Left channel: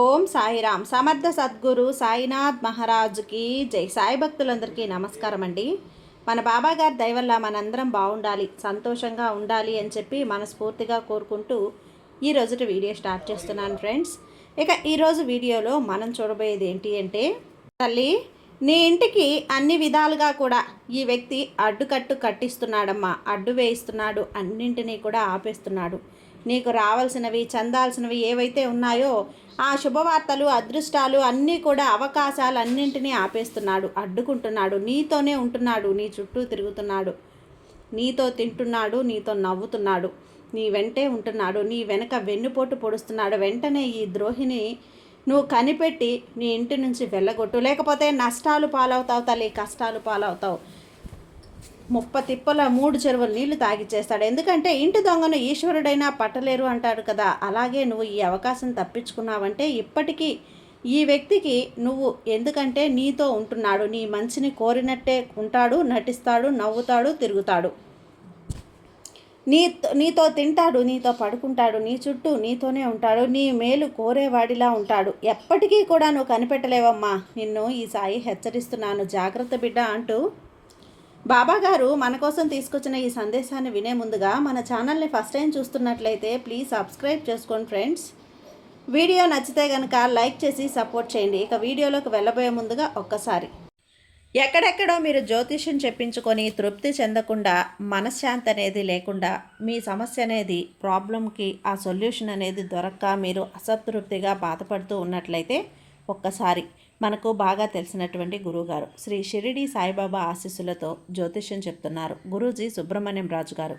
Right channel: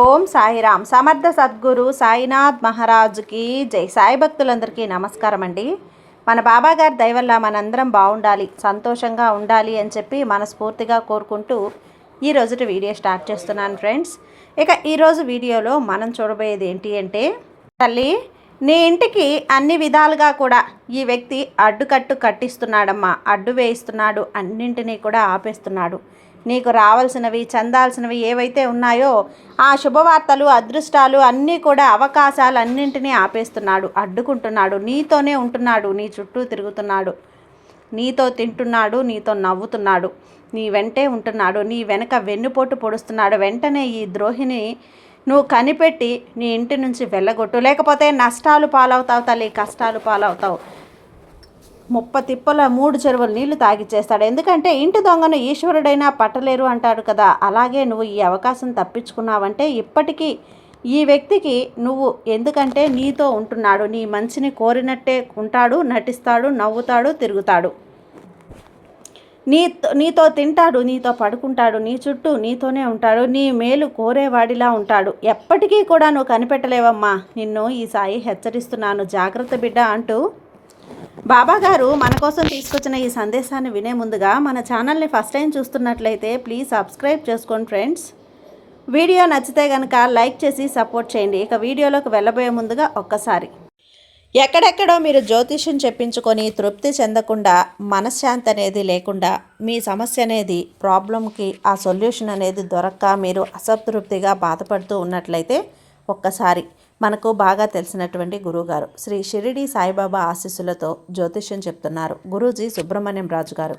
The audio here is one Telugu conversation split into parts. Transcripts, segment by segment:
ఓం సాయిరామ్. సమర్థ సద్గురు సాయినాథ్ మహారాజుకి జై. సాయి భక్తులందరికీ నమస్కారం అండి. మన బాబాగారి దయ వల్ల మనందరం బాగుండాలి, సంతోషంగా ఉండాలి అని చెప్పి మనస్ఫూర్తిగా కోరుకుంటూ ఈరోజు వీడియో స్టార్ట్ చేస్తున్నాను ఫ్రెండ్స్. ఇక ఈరోజు వీడియోలో మనం చూడబోయేది ఏంటి అంటే, తల్లి నీ ఇంటికి అన్ని విధాలుగా కూడా ఈ వ్యక్తి అడ్డుకట్టు కట్టిస్తున్నాడమ్మా, అడ్డు వేయిస్తున్నాడు, అన్నింటినీ కూడా ఆపేస్తున్నాడు. నీకు రావాల్సినవి చెందాల్సినవి ఏవైతే ఉన్నాయో ఆ శుభవార్తలు, అదృష్టాలు అన్నీ కూడా, అవకాశాలు అన్నింటినీ ఆపేస్తున్నాడు, అడ్డుకుంటున్నాడు. నీతోనే ఉంటున్నాడు, నీ చుట్టూ తిరుగుతున్నాడు, నీతో తింటున్నాడు, నీతో నవ్వుతున్నాడు, నీ వెంటే ఉంటున్నాడు, నీ వెనక వెన్నుపోటు పొడుస్తున్నాడు. వెంటనే ఈ ద్రోహిని నువ్వు కనిపెట్టి నీ ఇంటి నుంచి వెళ్ళగొట్టు, లేకపోతే నష్టాలు పాలవుతావు తల్లి, కష్టాలు పాలవుతావు. తిప్పల 3 చెరువులు నీళ్లు తాగిచ్చేస్తాడు. ఎందుకంటే ఇంటి దొంగను ఈశ్వరుడైనా పట్టలేరు అంటాడు కదా. అలాగే నువ్వు ఈ అవకాశం తప్పించుకున్నావంటే ఇప్పటికీ ఈ వ్యక్తికి నువ్వు, ఎందుకంటే నీతో ఉంటున్నాడు, నీ మంచిని కోరినట్టే ఉంటాడు, నటిస్తాడు, నవ్వుతాడు, తిరుగుతాడు, నీతో తింటాడు, నీతో పడుకుంటాడు, నీ చుట్టూ నీతోనే ఉంటాడు, నీ మేలు కోరేవాడిలా ఉంటాడు. ఎప్పటికీ కూడా నువ్వు కనిపెట్టలేవమ్మా, నిన్ను ఈ సాయి హెచ్చరిస్తున్నాను, జాగ్రత్త బిడ్డ అంటూ బాబాగారు మన కోసం తీసుకొచ్చిన ఈ సందేశాన్ని వినే ముందుగా మన ఛానల్ని ఫస్ట్ టైం చూస్తున్నట్లయితే ప్లీజ్ సబ్స్క్రైబ్ చేసుకోండి ఫ్రెండ్స్. వీడియో నచ్చితే కనుక లైక్ చేసి సపోర్ట్ చేయండి. ఇక వీడియోలోకి వెళ్ళబోయే ముందుగా ఒక్కసారి, ఎక్కడెక్కడో మీరు జ్యోతిష్యం చెప్పించుకొని తృప్తి చెందకుండా, మనశ్శాంతి అనేది లేకుండా, మీ సమస్య అనేది, ప్రాబ్లంకి ఆ సొల్యూషన్ అనేది దొరక్క మీరు అసంతృప్తిగా బాధపడుతూ ఉన్నట్లయితే ఒక్కసారి మనకు బాగా తెలిసినటువంటి గురువుగారు శ్రీ షిరిడి సాయిబాబా ఆశీస్సులతో జ్యోతిష్యం చెప్తున్నారు గురూజీ సుబ్రహ్మణ్యం రాజు గారు.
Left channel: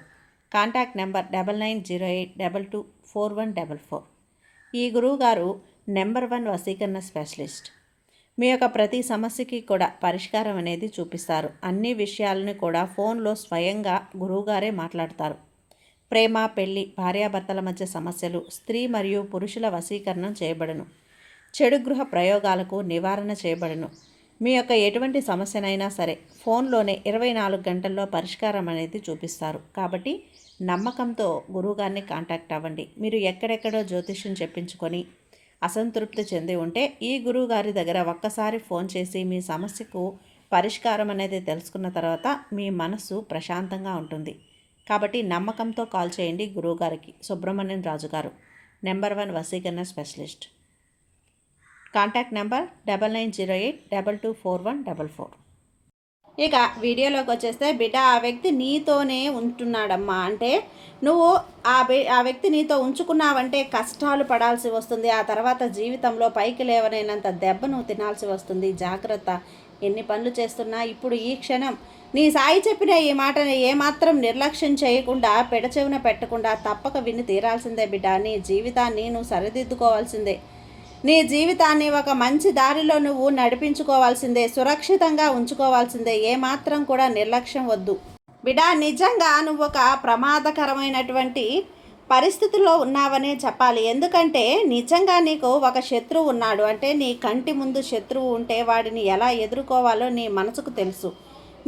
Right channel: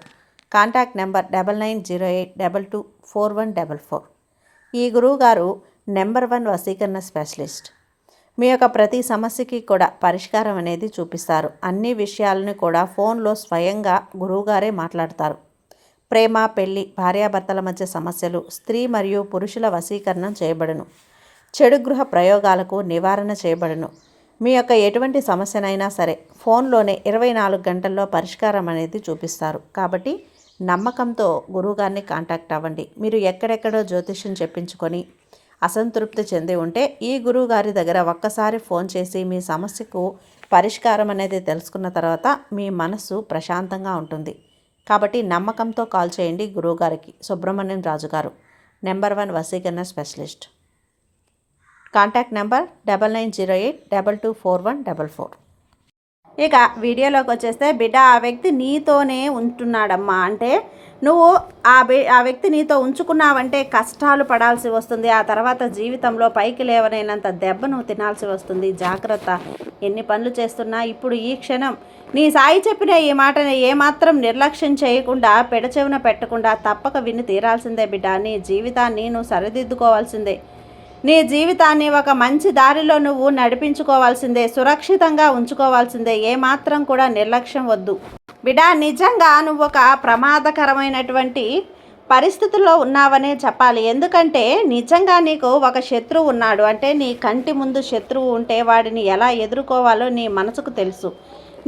Contact number 9908224144. ఈ గురువుగారు నెంబర్ 1 వశీకరణ స్పెషలిస్ట్. మీ యొక్క ప్రతి సమస్యకి కూడా పరిష్కారం అనేది చూపిస్తారు. అన్ని విషయాలను కూడా ఫోన్లో స్వయంగా గురువుగారే మాట్లాడతారు. ప్రేమ, పెళ్లి, భార్యాభర్తల మధ్య సమస్యలు, స్త్రీ మరియు పురుషుల వశీకరణం చేయబడును. చెడు గృహ ప్రయోగాలకు నివారణ చేయబడును. మీ యొక్క ఎటువంటి సమస్యనైనా సరే ఫోన్లోనే 24 గంటల్లో పరిష్కారం అనేది చూపిస్తారు. కాబట్టి నమ్మకంతో గురువుగారిని కాంటాక్ట్ అవ్వండి. మీరు ఎక్కడెక్కడో జ్యోతిష్యం చెప్పించుకొని అసంతృప్తి చెంది ఉంటే ఈ గురువుగారి దగ్గర ఒక్కసారి ఫోన్ చేసి మీ సమస్యకు పరిష్కారం అనేది తెలుసుకున్న తర్వాత మీ మనసు ప్రశాంతంగా ఉంటుంది. కాబట్టి నమ్మకంతో కాల్ చేయండి గురువుగారికి. సుబ్రహ్మణ్యం రాజు గారు, నెంబర్ 1 వశీకరణ స్పెషలిస్ట్. Contact number 9908224144. ఇక వీడియోలోకి వచ్చేస్తే, బిడ్డ ఆ వ్యక్తి నీతోనే ఉంటున్నాడమ్మా అంటే నువ్వు ఆ వ్యక్తి నీతో ఉంచుకున్నావంటే కష్టాలు పడాల్సి వస్తుంది. ఆ తర్వాత జీవితంలో పైకి లేవనైనంత దెబ్బ నువ్వు తినాల్సి వస్తుంది. జాగ్రత్త. ఎన్ని పనులు చేస్తున్నా ఇప్పుడు ఈ క్షణం నీ సాయి చెప్పిన ఈ మాటని ఏమాత్రం నిర్లక్ష్యం చేయకుండా, పెడచెవిన పెట్టకుండా తప్పక విని తీరాల్సిందే బిడ్డ. నీ జీవితాన్ని నువ్వు సరిదిద్దుకోవాల్సిందే. నీ జీవితాన్ని ఒక మంచి దారిలో నువ్వు నడిపించుకోవాల్సిందే, సురక్షితంగా ఉంచుకోవాల్సిందే. ఏమాత్రం కూడా నిర్లక్ష్యం వద్దు బిడ్డా. నిజంగా నువ్వు ఒక ప్రమాదకరమైనటువంటి పరిస్థితుల్లో ఉన్నావనే చెప్పాలి. ఎందుకంటే నిజంగా నీకు ఒక శత్రువు ఉన్నాడు అంటే, నీ కంటి ముందు శత్రువు ఉంటే వాడిని ఎలా ఎదుర్కోవాలో నీ మనసుకు తెలుసు.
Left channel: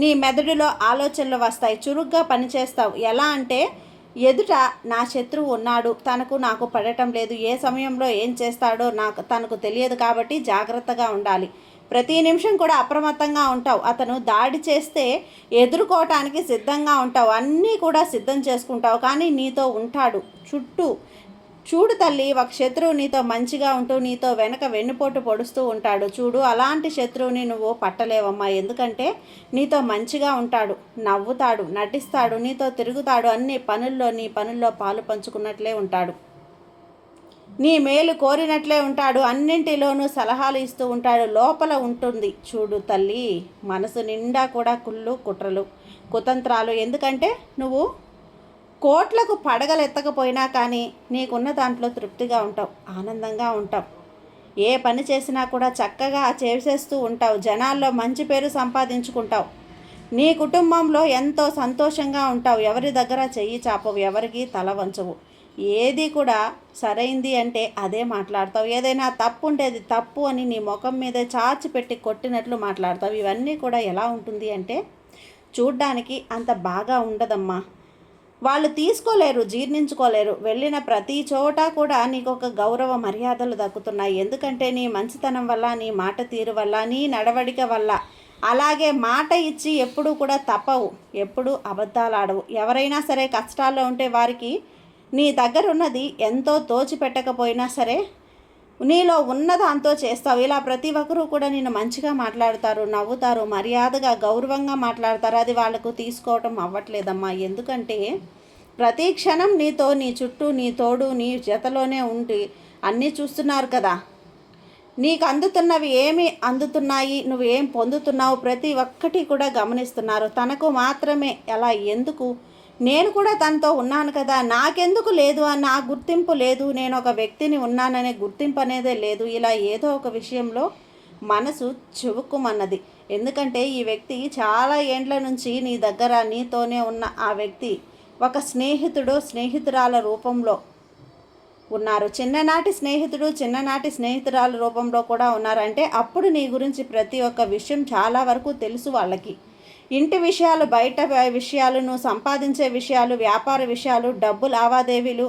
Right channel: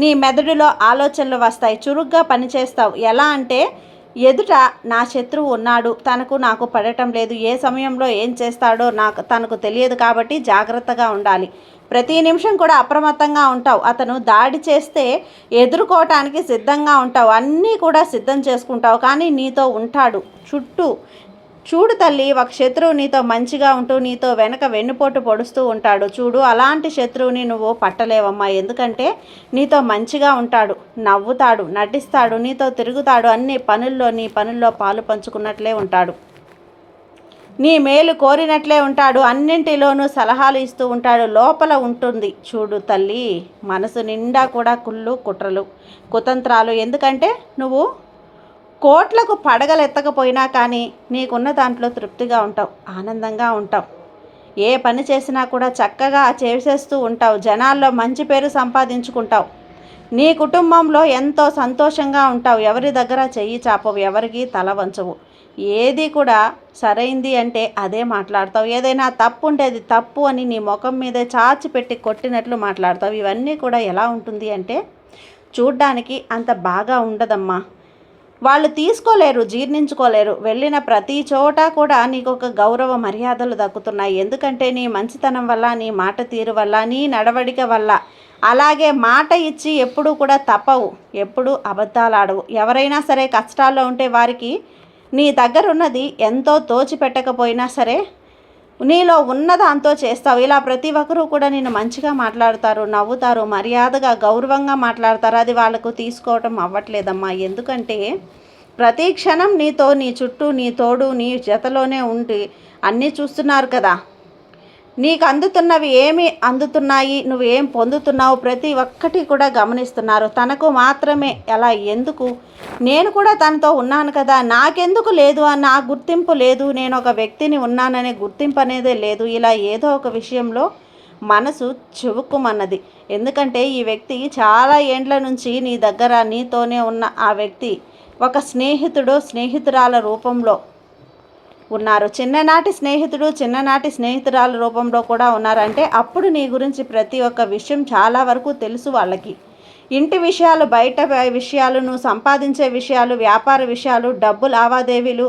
నీ మెదడులో ఆలోచనలు వస్తాయి, చురుగ్గా పనిచేస్తావు. ఎలా అంటే, ఎదుట నా శత్రువు ఉన్నాడు, నాకు పడటం లేదు, ఏ సమయంలో ఏం చేస్తాడో తనకు తెలియదు, కాబట్టి జాగ్రత్తగా ఉండాలి. ప్రతి నిమిషం కూడా అప్రమత్తంగా ఉంటావు. అతను దాడి చేస్తే ఎదుర్కోవటానికి సిద్ధంగా ఉంటావు, అన్నీ కూడా సిద్ధం చేసుకుంటావు. కానీ నీతో ఉంటాడు చుట్టూ. చూడు తల్లి, ఒక శత్రువు నీతో మంచిగా ఉంటూ నీతో వెనక వెన్నుపోటు పొడుస్తూ ఉంటాడు. చూడు, అలాంటి శత్రువుని నువ్వు పట్టలేవమ్మా. ఎందుకంటే నీతో మంచిగా ఉంటాడు, నవ్వుతాడు, నటిస్తాడు, నీతో తిరుగుతాడు, నీ పనుల్లో పాలు పంచుకున్నట్లే ఉంటాడు, నీ మేలు కోరినట్లే ఉంటాడు, అన్నింటిలోనూ సలహాలు ఇస్తూ ఉంటాడు. లోపల ఉంటుంది చూడు తల్లి, మనసు నిండా కూడా కుళ్ళు, కుట్రలు, కుతంత్రాలు. ఎందుకంటే నువ్వు కోట్లకు పడగలెత్తకపోయినా కానీ నీకున్న దాంట్లో తృప్తిగా ఉంటావు, ఆనందంగా ఉంటావు. ఏ పని చేసినా కూడా చక్కగా చేసేస్తూ ఉంటావు. జనాల్లో మంచి పేరు సంపాదించుకుంటావు. నీ కుటుంబంలో ఎంతో సంతోషంగా ఉంటావు. ఎవరి దగ్గర చెయ్యి చాపవు, ఎవరికి తల వంచవు. ఏది కూడా సరైంది అంటే అదే మాట్లాడతావు. ఏదైనా తప్పు ఉంటే అది తప్పు అని నీ ముఖం మీద చాచి పెట్టి కొట్టినట్లు మాట్లాడతావు. ఇవన్నీ కూడా ఎలా ఉంటుంది అంటే చూడ్డానికి అంత బాగా ఉండదమ్మా. వాళ్ళు తీసుకోలేరు, జీర్ణించుకోలేరు. వెళ్ళిన ప్రతి చోట కూడా నీకు ఒక గౌరవ మర్యాదలు దక్కుతున్నాయి. ఎందుకంటే నీ మంచితనం వల్ల, నీ మాట తీరు వల్ల, నీ నడవడిక వల్ల. అలాగే మాట ఇచ్చి ఎప్పుడూ కూడా తప్పవు, ఎప్పుడూ అబద్ధాలు ఆడవు. ఎవరైనా సరే కష్టాల్లో ఉంటే వారికి నీ దగ్గర ఉన్నది ఎంతో తోచిపెట్టకపోయినా సరే నీలో ఉన్న దాంతో చేస్తావు. ఇలా ప్రతి ఒక్కరూ కూడా నిన్ను మంచిగా మాట్లాడతారు, నవ్వుతారు, మర్యాదగా గౌరవంగా మాట్లాడతారు. అది వాళ్ళకు తీసుకోవటం అవ్వట్లేదమ్మా. ఎందుకంటే ప్రతి క్షణం నీతో, నీ చుట్టూ, నీ తోడు, నీ జతలోనే ఉండి అన్నీ చూస్తున్నారు కదా. నీకు అందుతున్నవి ఏమి అందుతున్నాయి, నువ్వు ఏం పొందుతున్నావు, ప్రతి ఒక్కటి కూడా గమనిస్తున్నారు. తనకు మాత్రమే ఎలా, ఎందుకు, నేను కూడా తనతో ఉన్నాను కదా, నాకెందుకు లేదు అన్న ఆ గుర్తింపు లేదు, నేను ఒక వ్యక్తిని ఉన్నాననే గుర్తింపు అనేదే లేదు. ఇలా ఏదో ఒక విషయంలో మనసు చివుక్కుమన్నది. ఎందుకంటే ఈ వ్యక్తి చాలా ఏండ్ల నుంచి నీ దగ్గర, నీతోనే ఉన్న ఆ వ్యక్తి ఒక స్నేహితుడు, స్నేహితురాల రూపంలో ఉన్నారు. చిన్ననాటి స్నేహితుడు, చిన్ననాటి స్నేహితురాల రూపంలో కూడా ఉన్నారంటే అప్పుడు నీ గురించి ప్రతి ఒక్క విషయం చాలా వరకు తెలుసు వాళ్ళకి. ఇంటి విషయాలు, బయట విషయాలు, నువ్వు సంపాదించే విషయాలు, వ్యాపార విషయాలు, డబ్బు లావాదేవీలు,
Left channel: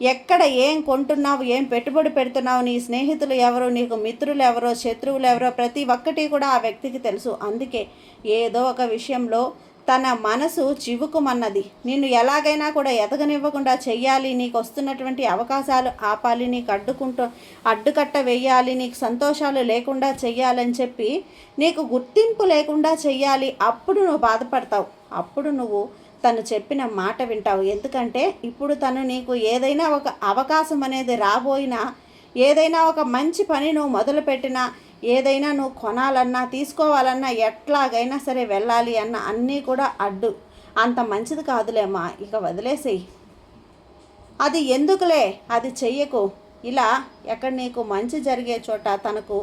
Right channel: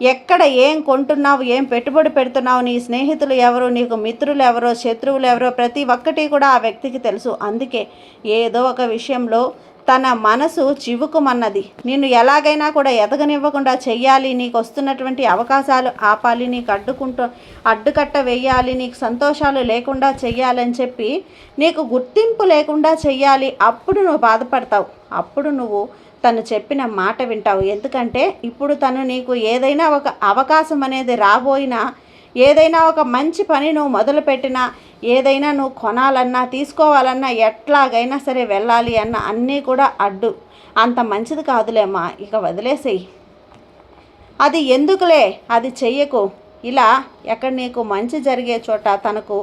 ఎక్కడ ఏం కొంటున్నావు, ఏం పెట్టుబడి పెడుతున్నావు, నీ స్నేహితులు ఎవరు, నీకు మిత్రులు ఎవరో, శత్రువులు ఎవరో, ప్రతి ఒక్కటి కూడా ఆ వ్యక్తికి తెలుసు. అందుకే ఏదో ఒక విషయంలో తన మనసు చివుకుమన్నది. నిన్ను ఎలాగైనా కూడా ఎదగనివ్వకుండా చెయ్యాలి, నీకు వస్తున్నటువంటి అవకాశాలు ఆపాలి, నీకు అడ్డుకట్ట వేయాలి, నీకు సంతోషాలు లేకుండా చెయ్యాలని చెప్పి, నీకు గుర్తింపు లేకుండా చెయ్యాలి. అప్పుడు నువ్వు బాధపడతావు, అప్పుడు నువ్వు తను చెప్పిన మాట వింటావు. ఎందుకంటే ఇప్పుడు తను నీకు ఏదైనా ఒక అవకాశం అనేది రాబోయినా, ఏదైనా ఒక మంచి పని నువ్వు మొదలుపెట్టినా, ఏదైనా నువ్వు కొనాలన్నా, తీసుకోవాలన్నా, ఎట్లాగైనా సరే వెళ్ళాలి అన్న అన్నీ కూడా అడ్డు. అంత మంచిది కాదులేమ్మా, ఇక వదిలేసేయి, అది ఎందుకులే, అది చెయ్యకు. ఇలా ఎక్కడ నీకు మంచి జరిగే చోట తనకు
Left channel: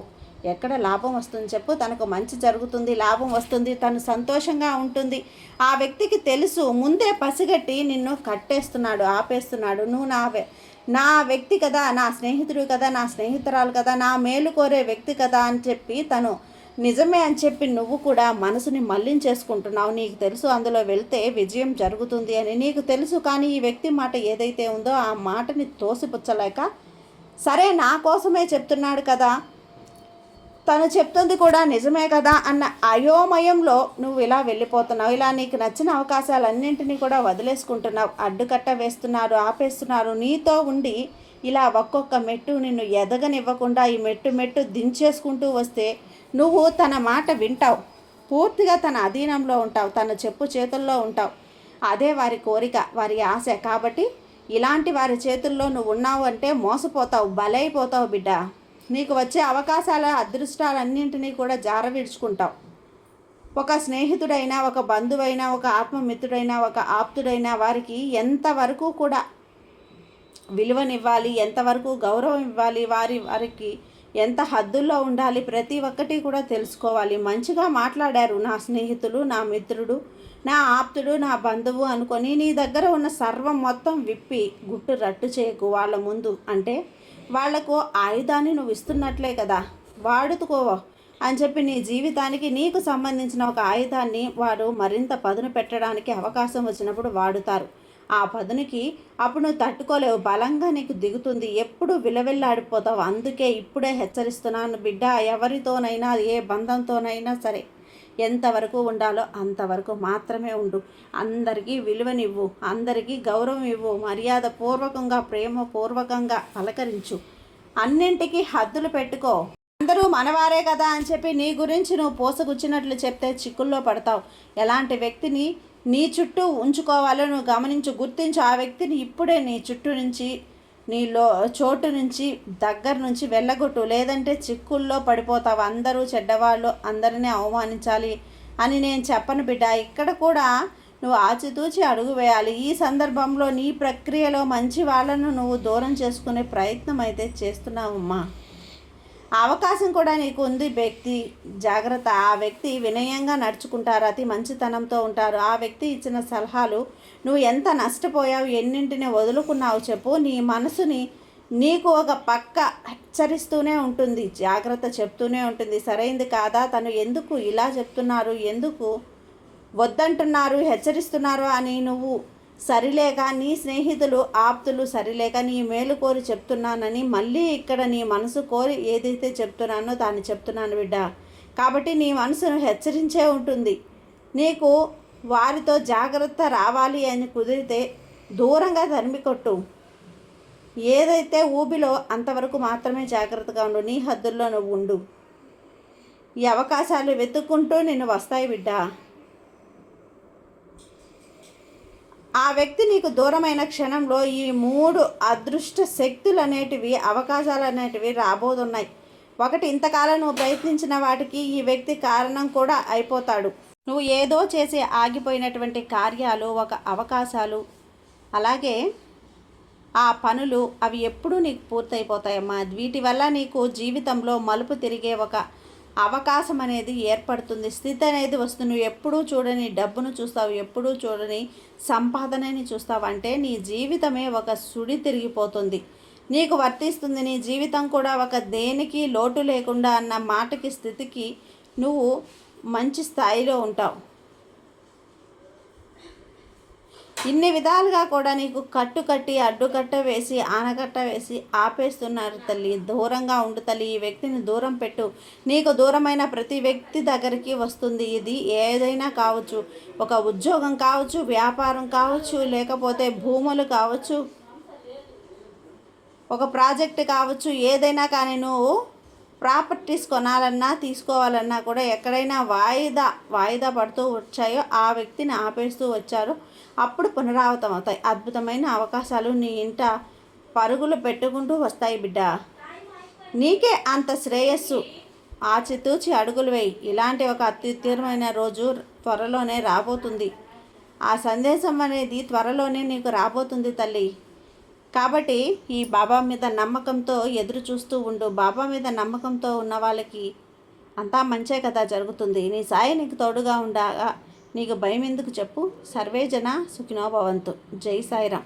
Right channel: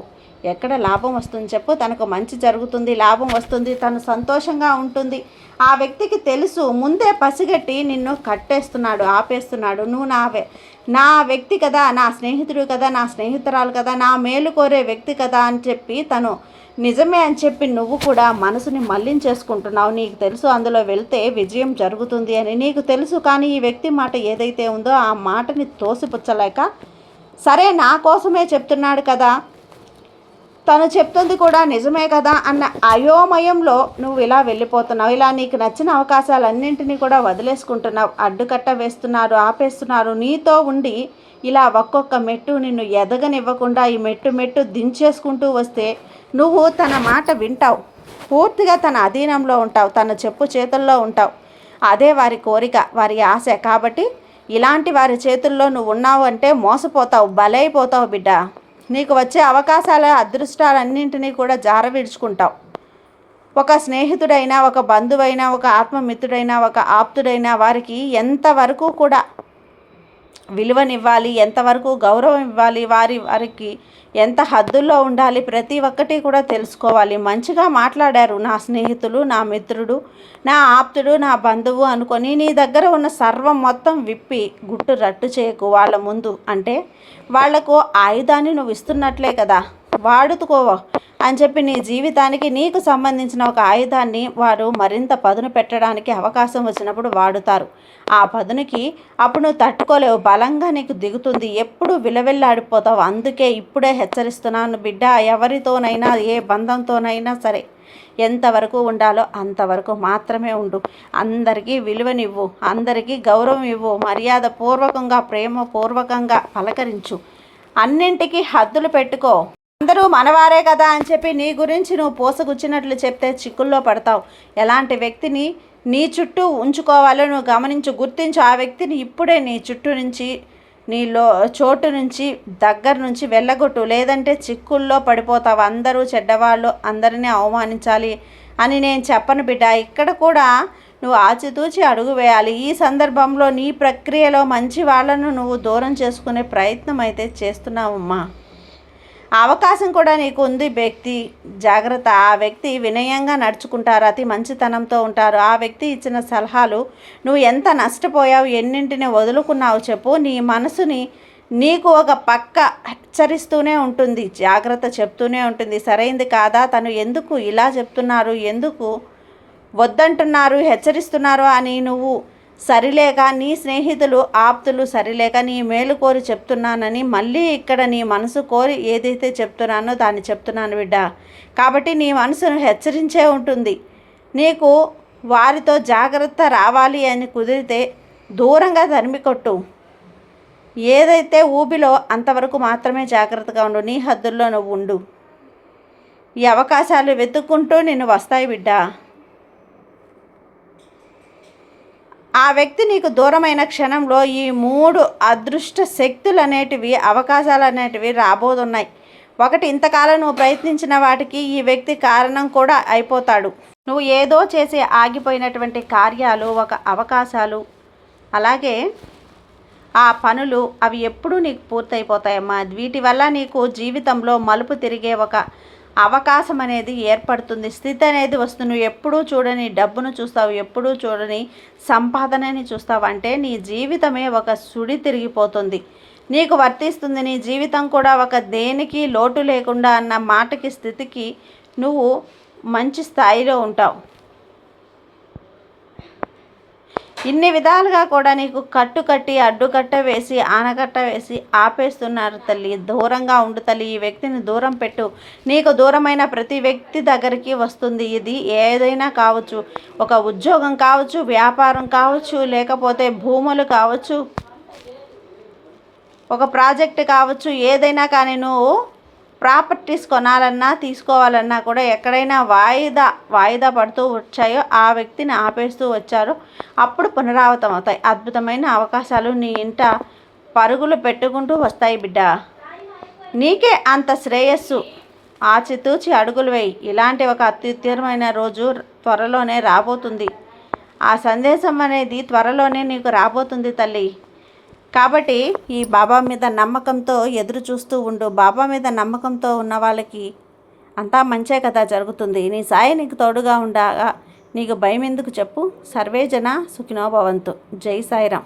ఎక్కడ లాభం వస్తుంది చెప్పు. తనకు మంచి జరుగుతుంది, లాభం వస్తుంది, తను సంతోషంగా ఉంటుంది. ఆ వ్యక్తికి తెలుసు, ముందే పసిగట్టి నిన్ను కట్టేస్తున్నాడు, ఆపేస్తున్నాడు. నువ్వు నా వ్యక్తి కదా, నా స్నేహితుడు కదా, నా స్నేహితురాలు కదా, నా మేలు కోరే వ్యక్తి కదా అని చెప్పి తను నిజమే అని చెప్పి నువ్వు కూడా మనసుని మళ్లించేసుకుంటున్నావు. నీకు తెలుసు అందులో వెళ్తే విజయం జరుగుతుంది అని నీకు తెలుసు. కానీ ఈ వ్యక్తి మాట ఏదైతే ఉందో ఆ మాటని తోసిపుచ్చలేక, సరే నా కోసమే చెప్తున్నాడు కదా, తను చెప్తుంది కూడా నిజమే కదా అన్న అయోమయంలో నువ్వు ఇలా వెళ్ళిపోతున్నావు. ఇలా నీకు నచ్చిన అవకాశాలన్నింటినీ కూడా వదిలేసుకుంటున్నావు. అడ్డుకట్ట వేస్తున్నారు, ఆపేస్తున్నారు. నీతో ఉండి ఇలా ఒక్కొక్క మెట్టు నిన్ను ఎదగనివ్వకుండా ఈ మెట్టు దించేసుకుంటూ వస్తే నువ్వు తన మాట వింటావు, పూర్తిగా తన అధీనంలో ఉంటావు, తన చెప్పు చేతుల్లో ఉంటావు. అదే వారి కోరిక, వారి ఆశ. కాబట్టి ఇలాంటి వారి చేతుల్లో నువ్వు ఉన్నావు అంటే మోసపోతావు, బలైపోతావు బిడ్డ. నీకు వచ్చే అవకాశాల, అదృష్టాలన్నింటినీ కూడా జారవిడుచుకుంటావు. ఒక స్నేహితుడైనా, ఒక బంధువైనా, ఒక ఆత్మమిత్రుడైనా, ఒక ఆప్తుడైనా వారికి ఎంతవరకు కూడా విలువనివ్వాలి, ఎంతవరకు గౌరవం ఇవ్వాలి, వారికి ఎంత హద్దుల్లో ఉండాలి, ప్రతి ఒక్కటి కూడా తెలుసుకోవాలి. మంచిగా మాట్లాడారు నా స్నేహితులు, నా మిత్రుడు, నా ఆప్తుడు, నా బంధువు అనుకొని నీ దగ్గర ఉన్న సర్వం మొత్తం విప్పి గుట్టు రట్టు చేయకు వాళ్ళ ముందు. అంటే వాళ్లకు ఆయుధాన్ని నువ్వు ఇస్తున్నట్లే కదా, వాడుకో అని చెప్పి నీ జీవితానికి నీకు సంబంధించిన ఒక ఆయుధాన్ని వారు మరింత పదును పెట్టడానికి అవకాశం వచ్చినప్పుడు వాడుతారు. ఆ పదునికి అప్పుడు నువ్వు తట్టుకోలేవు, బలంగా నీకు దిగుతుంది, ఎప్పుడు విలవిల్లాడిపోతావు. అందుకే ఇప్పుడే హెచ్చరిస్తున్నాను బిడ్డ, ఎవరితోనైనా, ఏ బంధంతోనైనా సరే ఎంతవరకు ఉండాలో అంతవరకు మాత్రమే ఉండు. అందరికీ విలువనివ్వు, అందరికీ గౌరవం ఇవ్వు, మర్యాద పూర్వకంగా, ప్రేమపూర్వకంగా పలకరించు, అన్నింటికీ హద్దులు పెట్టుకో. అందరూ మనవారే కదా అని చెప్పి నీ గురించి నువ్వు పోసగుచ్చినట్లు చెప్తే చిక్కుల్లో పడతావు. ఎలాంటి వ్యక్తిని నీ చుట్టూ ఉంచుకోవాలో నువ్వు గమనించు, గుర్తించు. ఆ వ్యక్తిని ఇప్పుడే నీ చుట్టూ నుంచి, నీలో చోటు నుంచి, దగ్గర నుంచి వెళ్ళగొట్టు. లేదంటే చిక్కుల్లో పడిపోతావు. అందరూ చెడ్డవాళ్ళు, అందరినీ అవమానించాలి అని నేను చెప్పను బిడ్డ. ఇక్కడ కూడా నువ్వు ఆచితూచి అడుగు వేయాలి. ఈ సందర్భంలో నీ ప్రక్రియలో మంచి వాళ్ళను నువ్వు దూరం చేసుకునే ప్రయత్నం అయితే చేస్తున్నావమ్మా. అవకాశం కూడా నీకు ఉంది వ్యక్తి, జాగ్రత్త. ఆ వ్యక్తి వినయంగా నడుచుకుంటారు, అతి మంచితనంతో ఉంటారు. ఆ వ్యక్తి ఇచ్చిన సలహాలు నువ్వు ఎంత నష్టపోయావు, ఎన్నింటిని వదులుకున్నావు చెప్పు. నీ మనసుని నీకు ఒక పక్క హెచ్చరిస్తూనే ఉంటుంది, జాగ్రత్త చెప్తూనే ఉంటుంది. సరైంది కాదా, తను ఎందుకు ఇలా చెప్తున్నారు, ఎందుకు వద్దంటున్నారు, హెచ్చరిస్తున్నారు అని నువ్వు సరిలేక నీ స్నేహితులు ఆప్తులు సరిలేక నీ మేలు కోరి చెప్తున్నానని మళ్ళీ ఇక్కడ నీ మనసు కోరి ఏదైతే చెప్తున్నానో దాన్ని చెప్తున్నాను బిడ్డ. కాబట్టి నీ మనసును హెచ్చరించే ఉంటుంది. నీకు వారితో జాగ్రత్త రావాలి అని కుదిరితే దూరంగా తరిమి కొట్టు. ఏదైతే ఊబిలో అంతవరకు మాత్రమే జాగ్రత్తగా ఉండు. నీ హద్దుల్లో నువ్వు ఉండు. ఈ అవకాశాలు వెతుక్కుంటూ నిన్ను వస్తాయి బిడ్డ. ఆ వ్యక్తి నీకు దూరమైన క్షణంలో ఈ 3 అదృష్ట శక్తులు అనేటివి, అవకాశాలు అనేటివి రాబోతున్నాయి. ఒకటి, ఇంతకాలం నువ్వు ప్రయత్నించిన వాటికి ఈ వ్యక్తి కారణం కూడా అయిపోతాడు. నువ్వు ఏదో చేసి ఆగిపోయినటువంటి కార్యాలు, ఒక అవకాశాలు, అలాగే ఆ పనులు అవి ఎప్పుడూ నీకు పూర్తయిపోతాయమ్మా. వీటి వల్ల నీకు జీవితంలో మలుపు తిరిగే ఒక అవకాశం అనేది ఏర్పడుతుంది. స్థితి అనేది వస్తుంది. నువ్వు ఎప్పుడూ చూడని డబ్బును చూస్తావు, ఎప్పుడూ చూడని సంపాదనని చూస్తావు. అంటే నీ జీవితమే ఒక సుడి తిరిగిపోతుంది, నీకు వర్తిస్తుంది. నీ జీవితం కూడా ఒక దేనికి లోటు లేకుండా అన్న మాటకి స్థితికి నువ్వు మంచి స్థాయిలో ఉంటావు. ఇన్ని విధాలుగా కూడా నీకు కట్టుకట్టి అడ్డుకట్ట వేసి ఆనకట్ట వేసి ఆపేస్తున్నారు తల్లి. దూరంగా ఉండు తల్లి. ఈ వ్యక్తిని దూరం పెట్టు. నీకు దూరమైన ప్రతి వ్యక్తి దగ్గరికి వస్తుంది. ఇది ఏదైనా కావచ్చు, ఒక ఉద్యోగం కావచ్చు, వ్యాపారం కావచ్చు, లేకపోతే భూములు కావచ్చు, ఒక ప్రాజెక్ట్ కావచ్చు, ఏదైనా కానీ నువ్వు ప్రాపర్టీస్ కొనాలన్నా తీసుకోవాలన్నా కూడా ఎక్కడైనా వాయిదా పడుతూ వచ్చాయో ఆ వ్యక్తిని ఆపేస్తూ వచ్చారో అప్పుడు పునరావృతం అవుతాయి. అద్భుతమైన అవకాశాలు నీ ఇంట పరుగులు పెట్టుకుంటూ వస్తాయి బిడ్డ. నీకే అంత శ్రేయస్సు. ఆచితూచి అడుగులు వేయి. ఇలాంటి ఒక అత్యుత్తమమైన రోజు త్వరలోనే రాబోతుంది. ఆ సందేశం అనేది త్వరలోనే నీకు రాబోతుంది తల్లి. కాబట్టి ఈ బాబా మీద నమ్మకంతో ఎదురు చూస్తూ ఉండు. బాబా మీద నమ్మకంతో ఉన్న వాళ్ళకి అంతా మంచే కదా జరుగుతుంది. నీ సాయి నీకు తోడుగా ఉండగా నీకు భయం ఎందుకు చెప్పు. సర్వే జన సుఖినో భవంతు. జై సాయిరాం.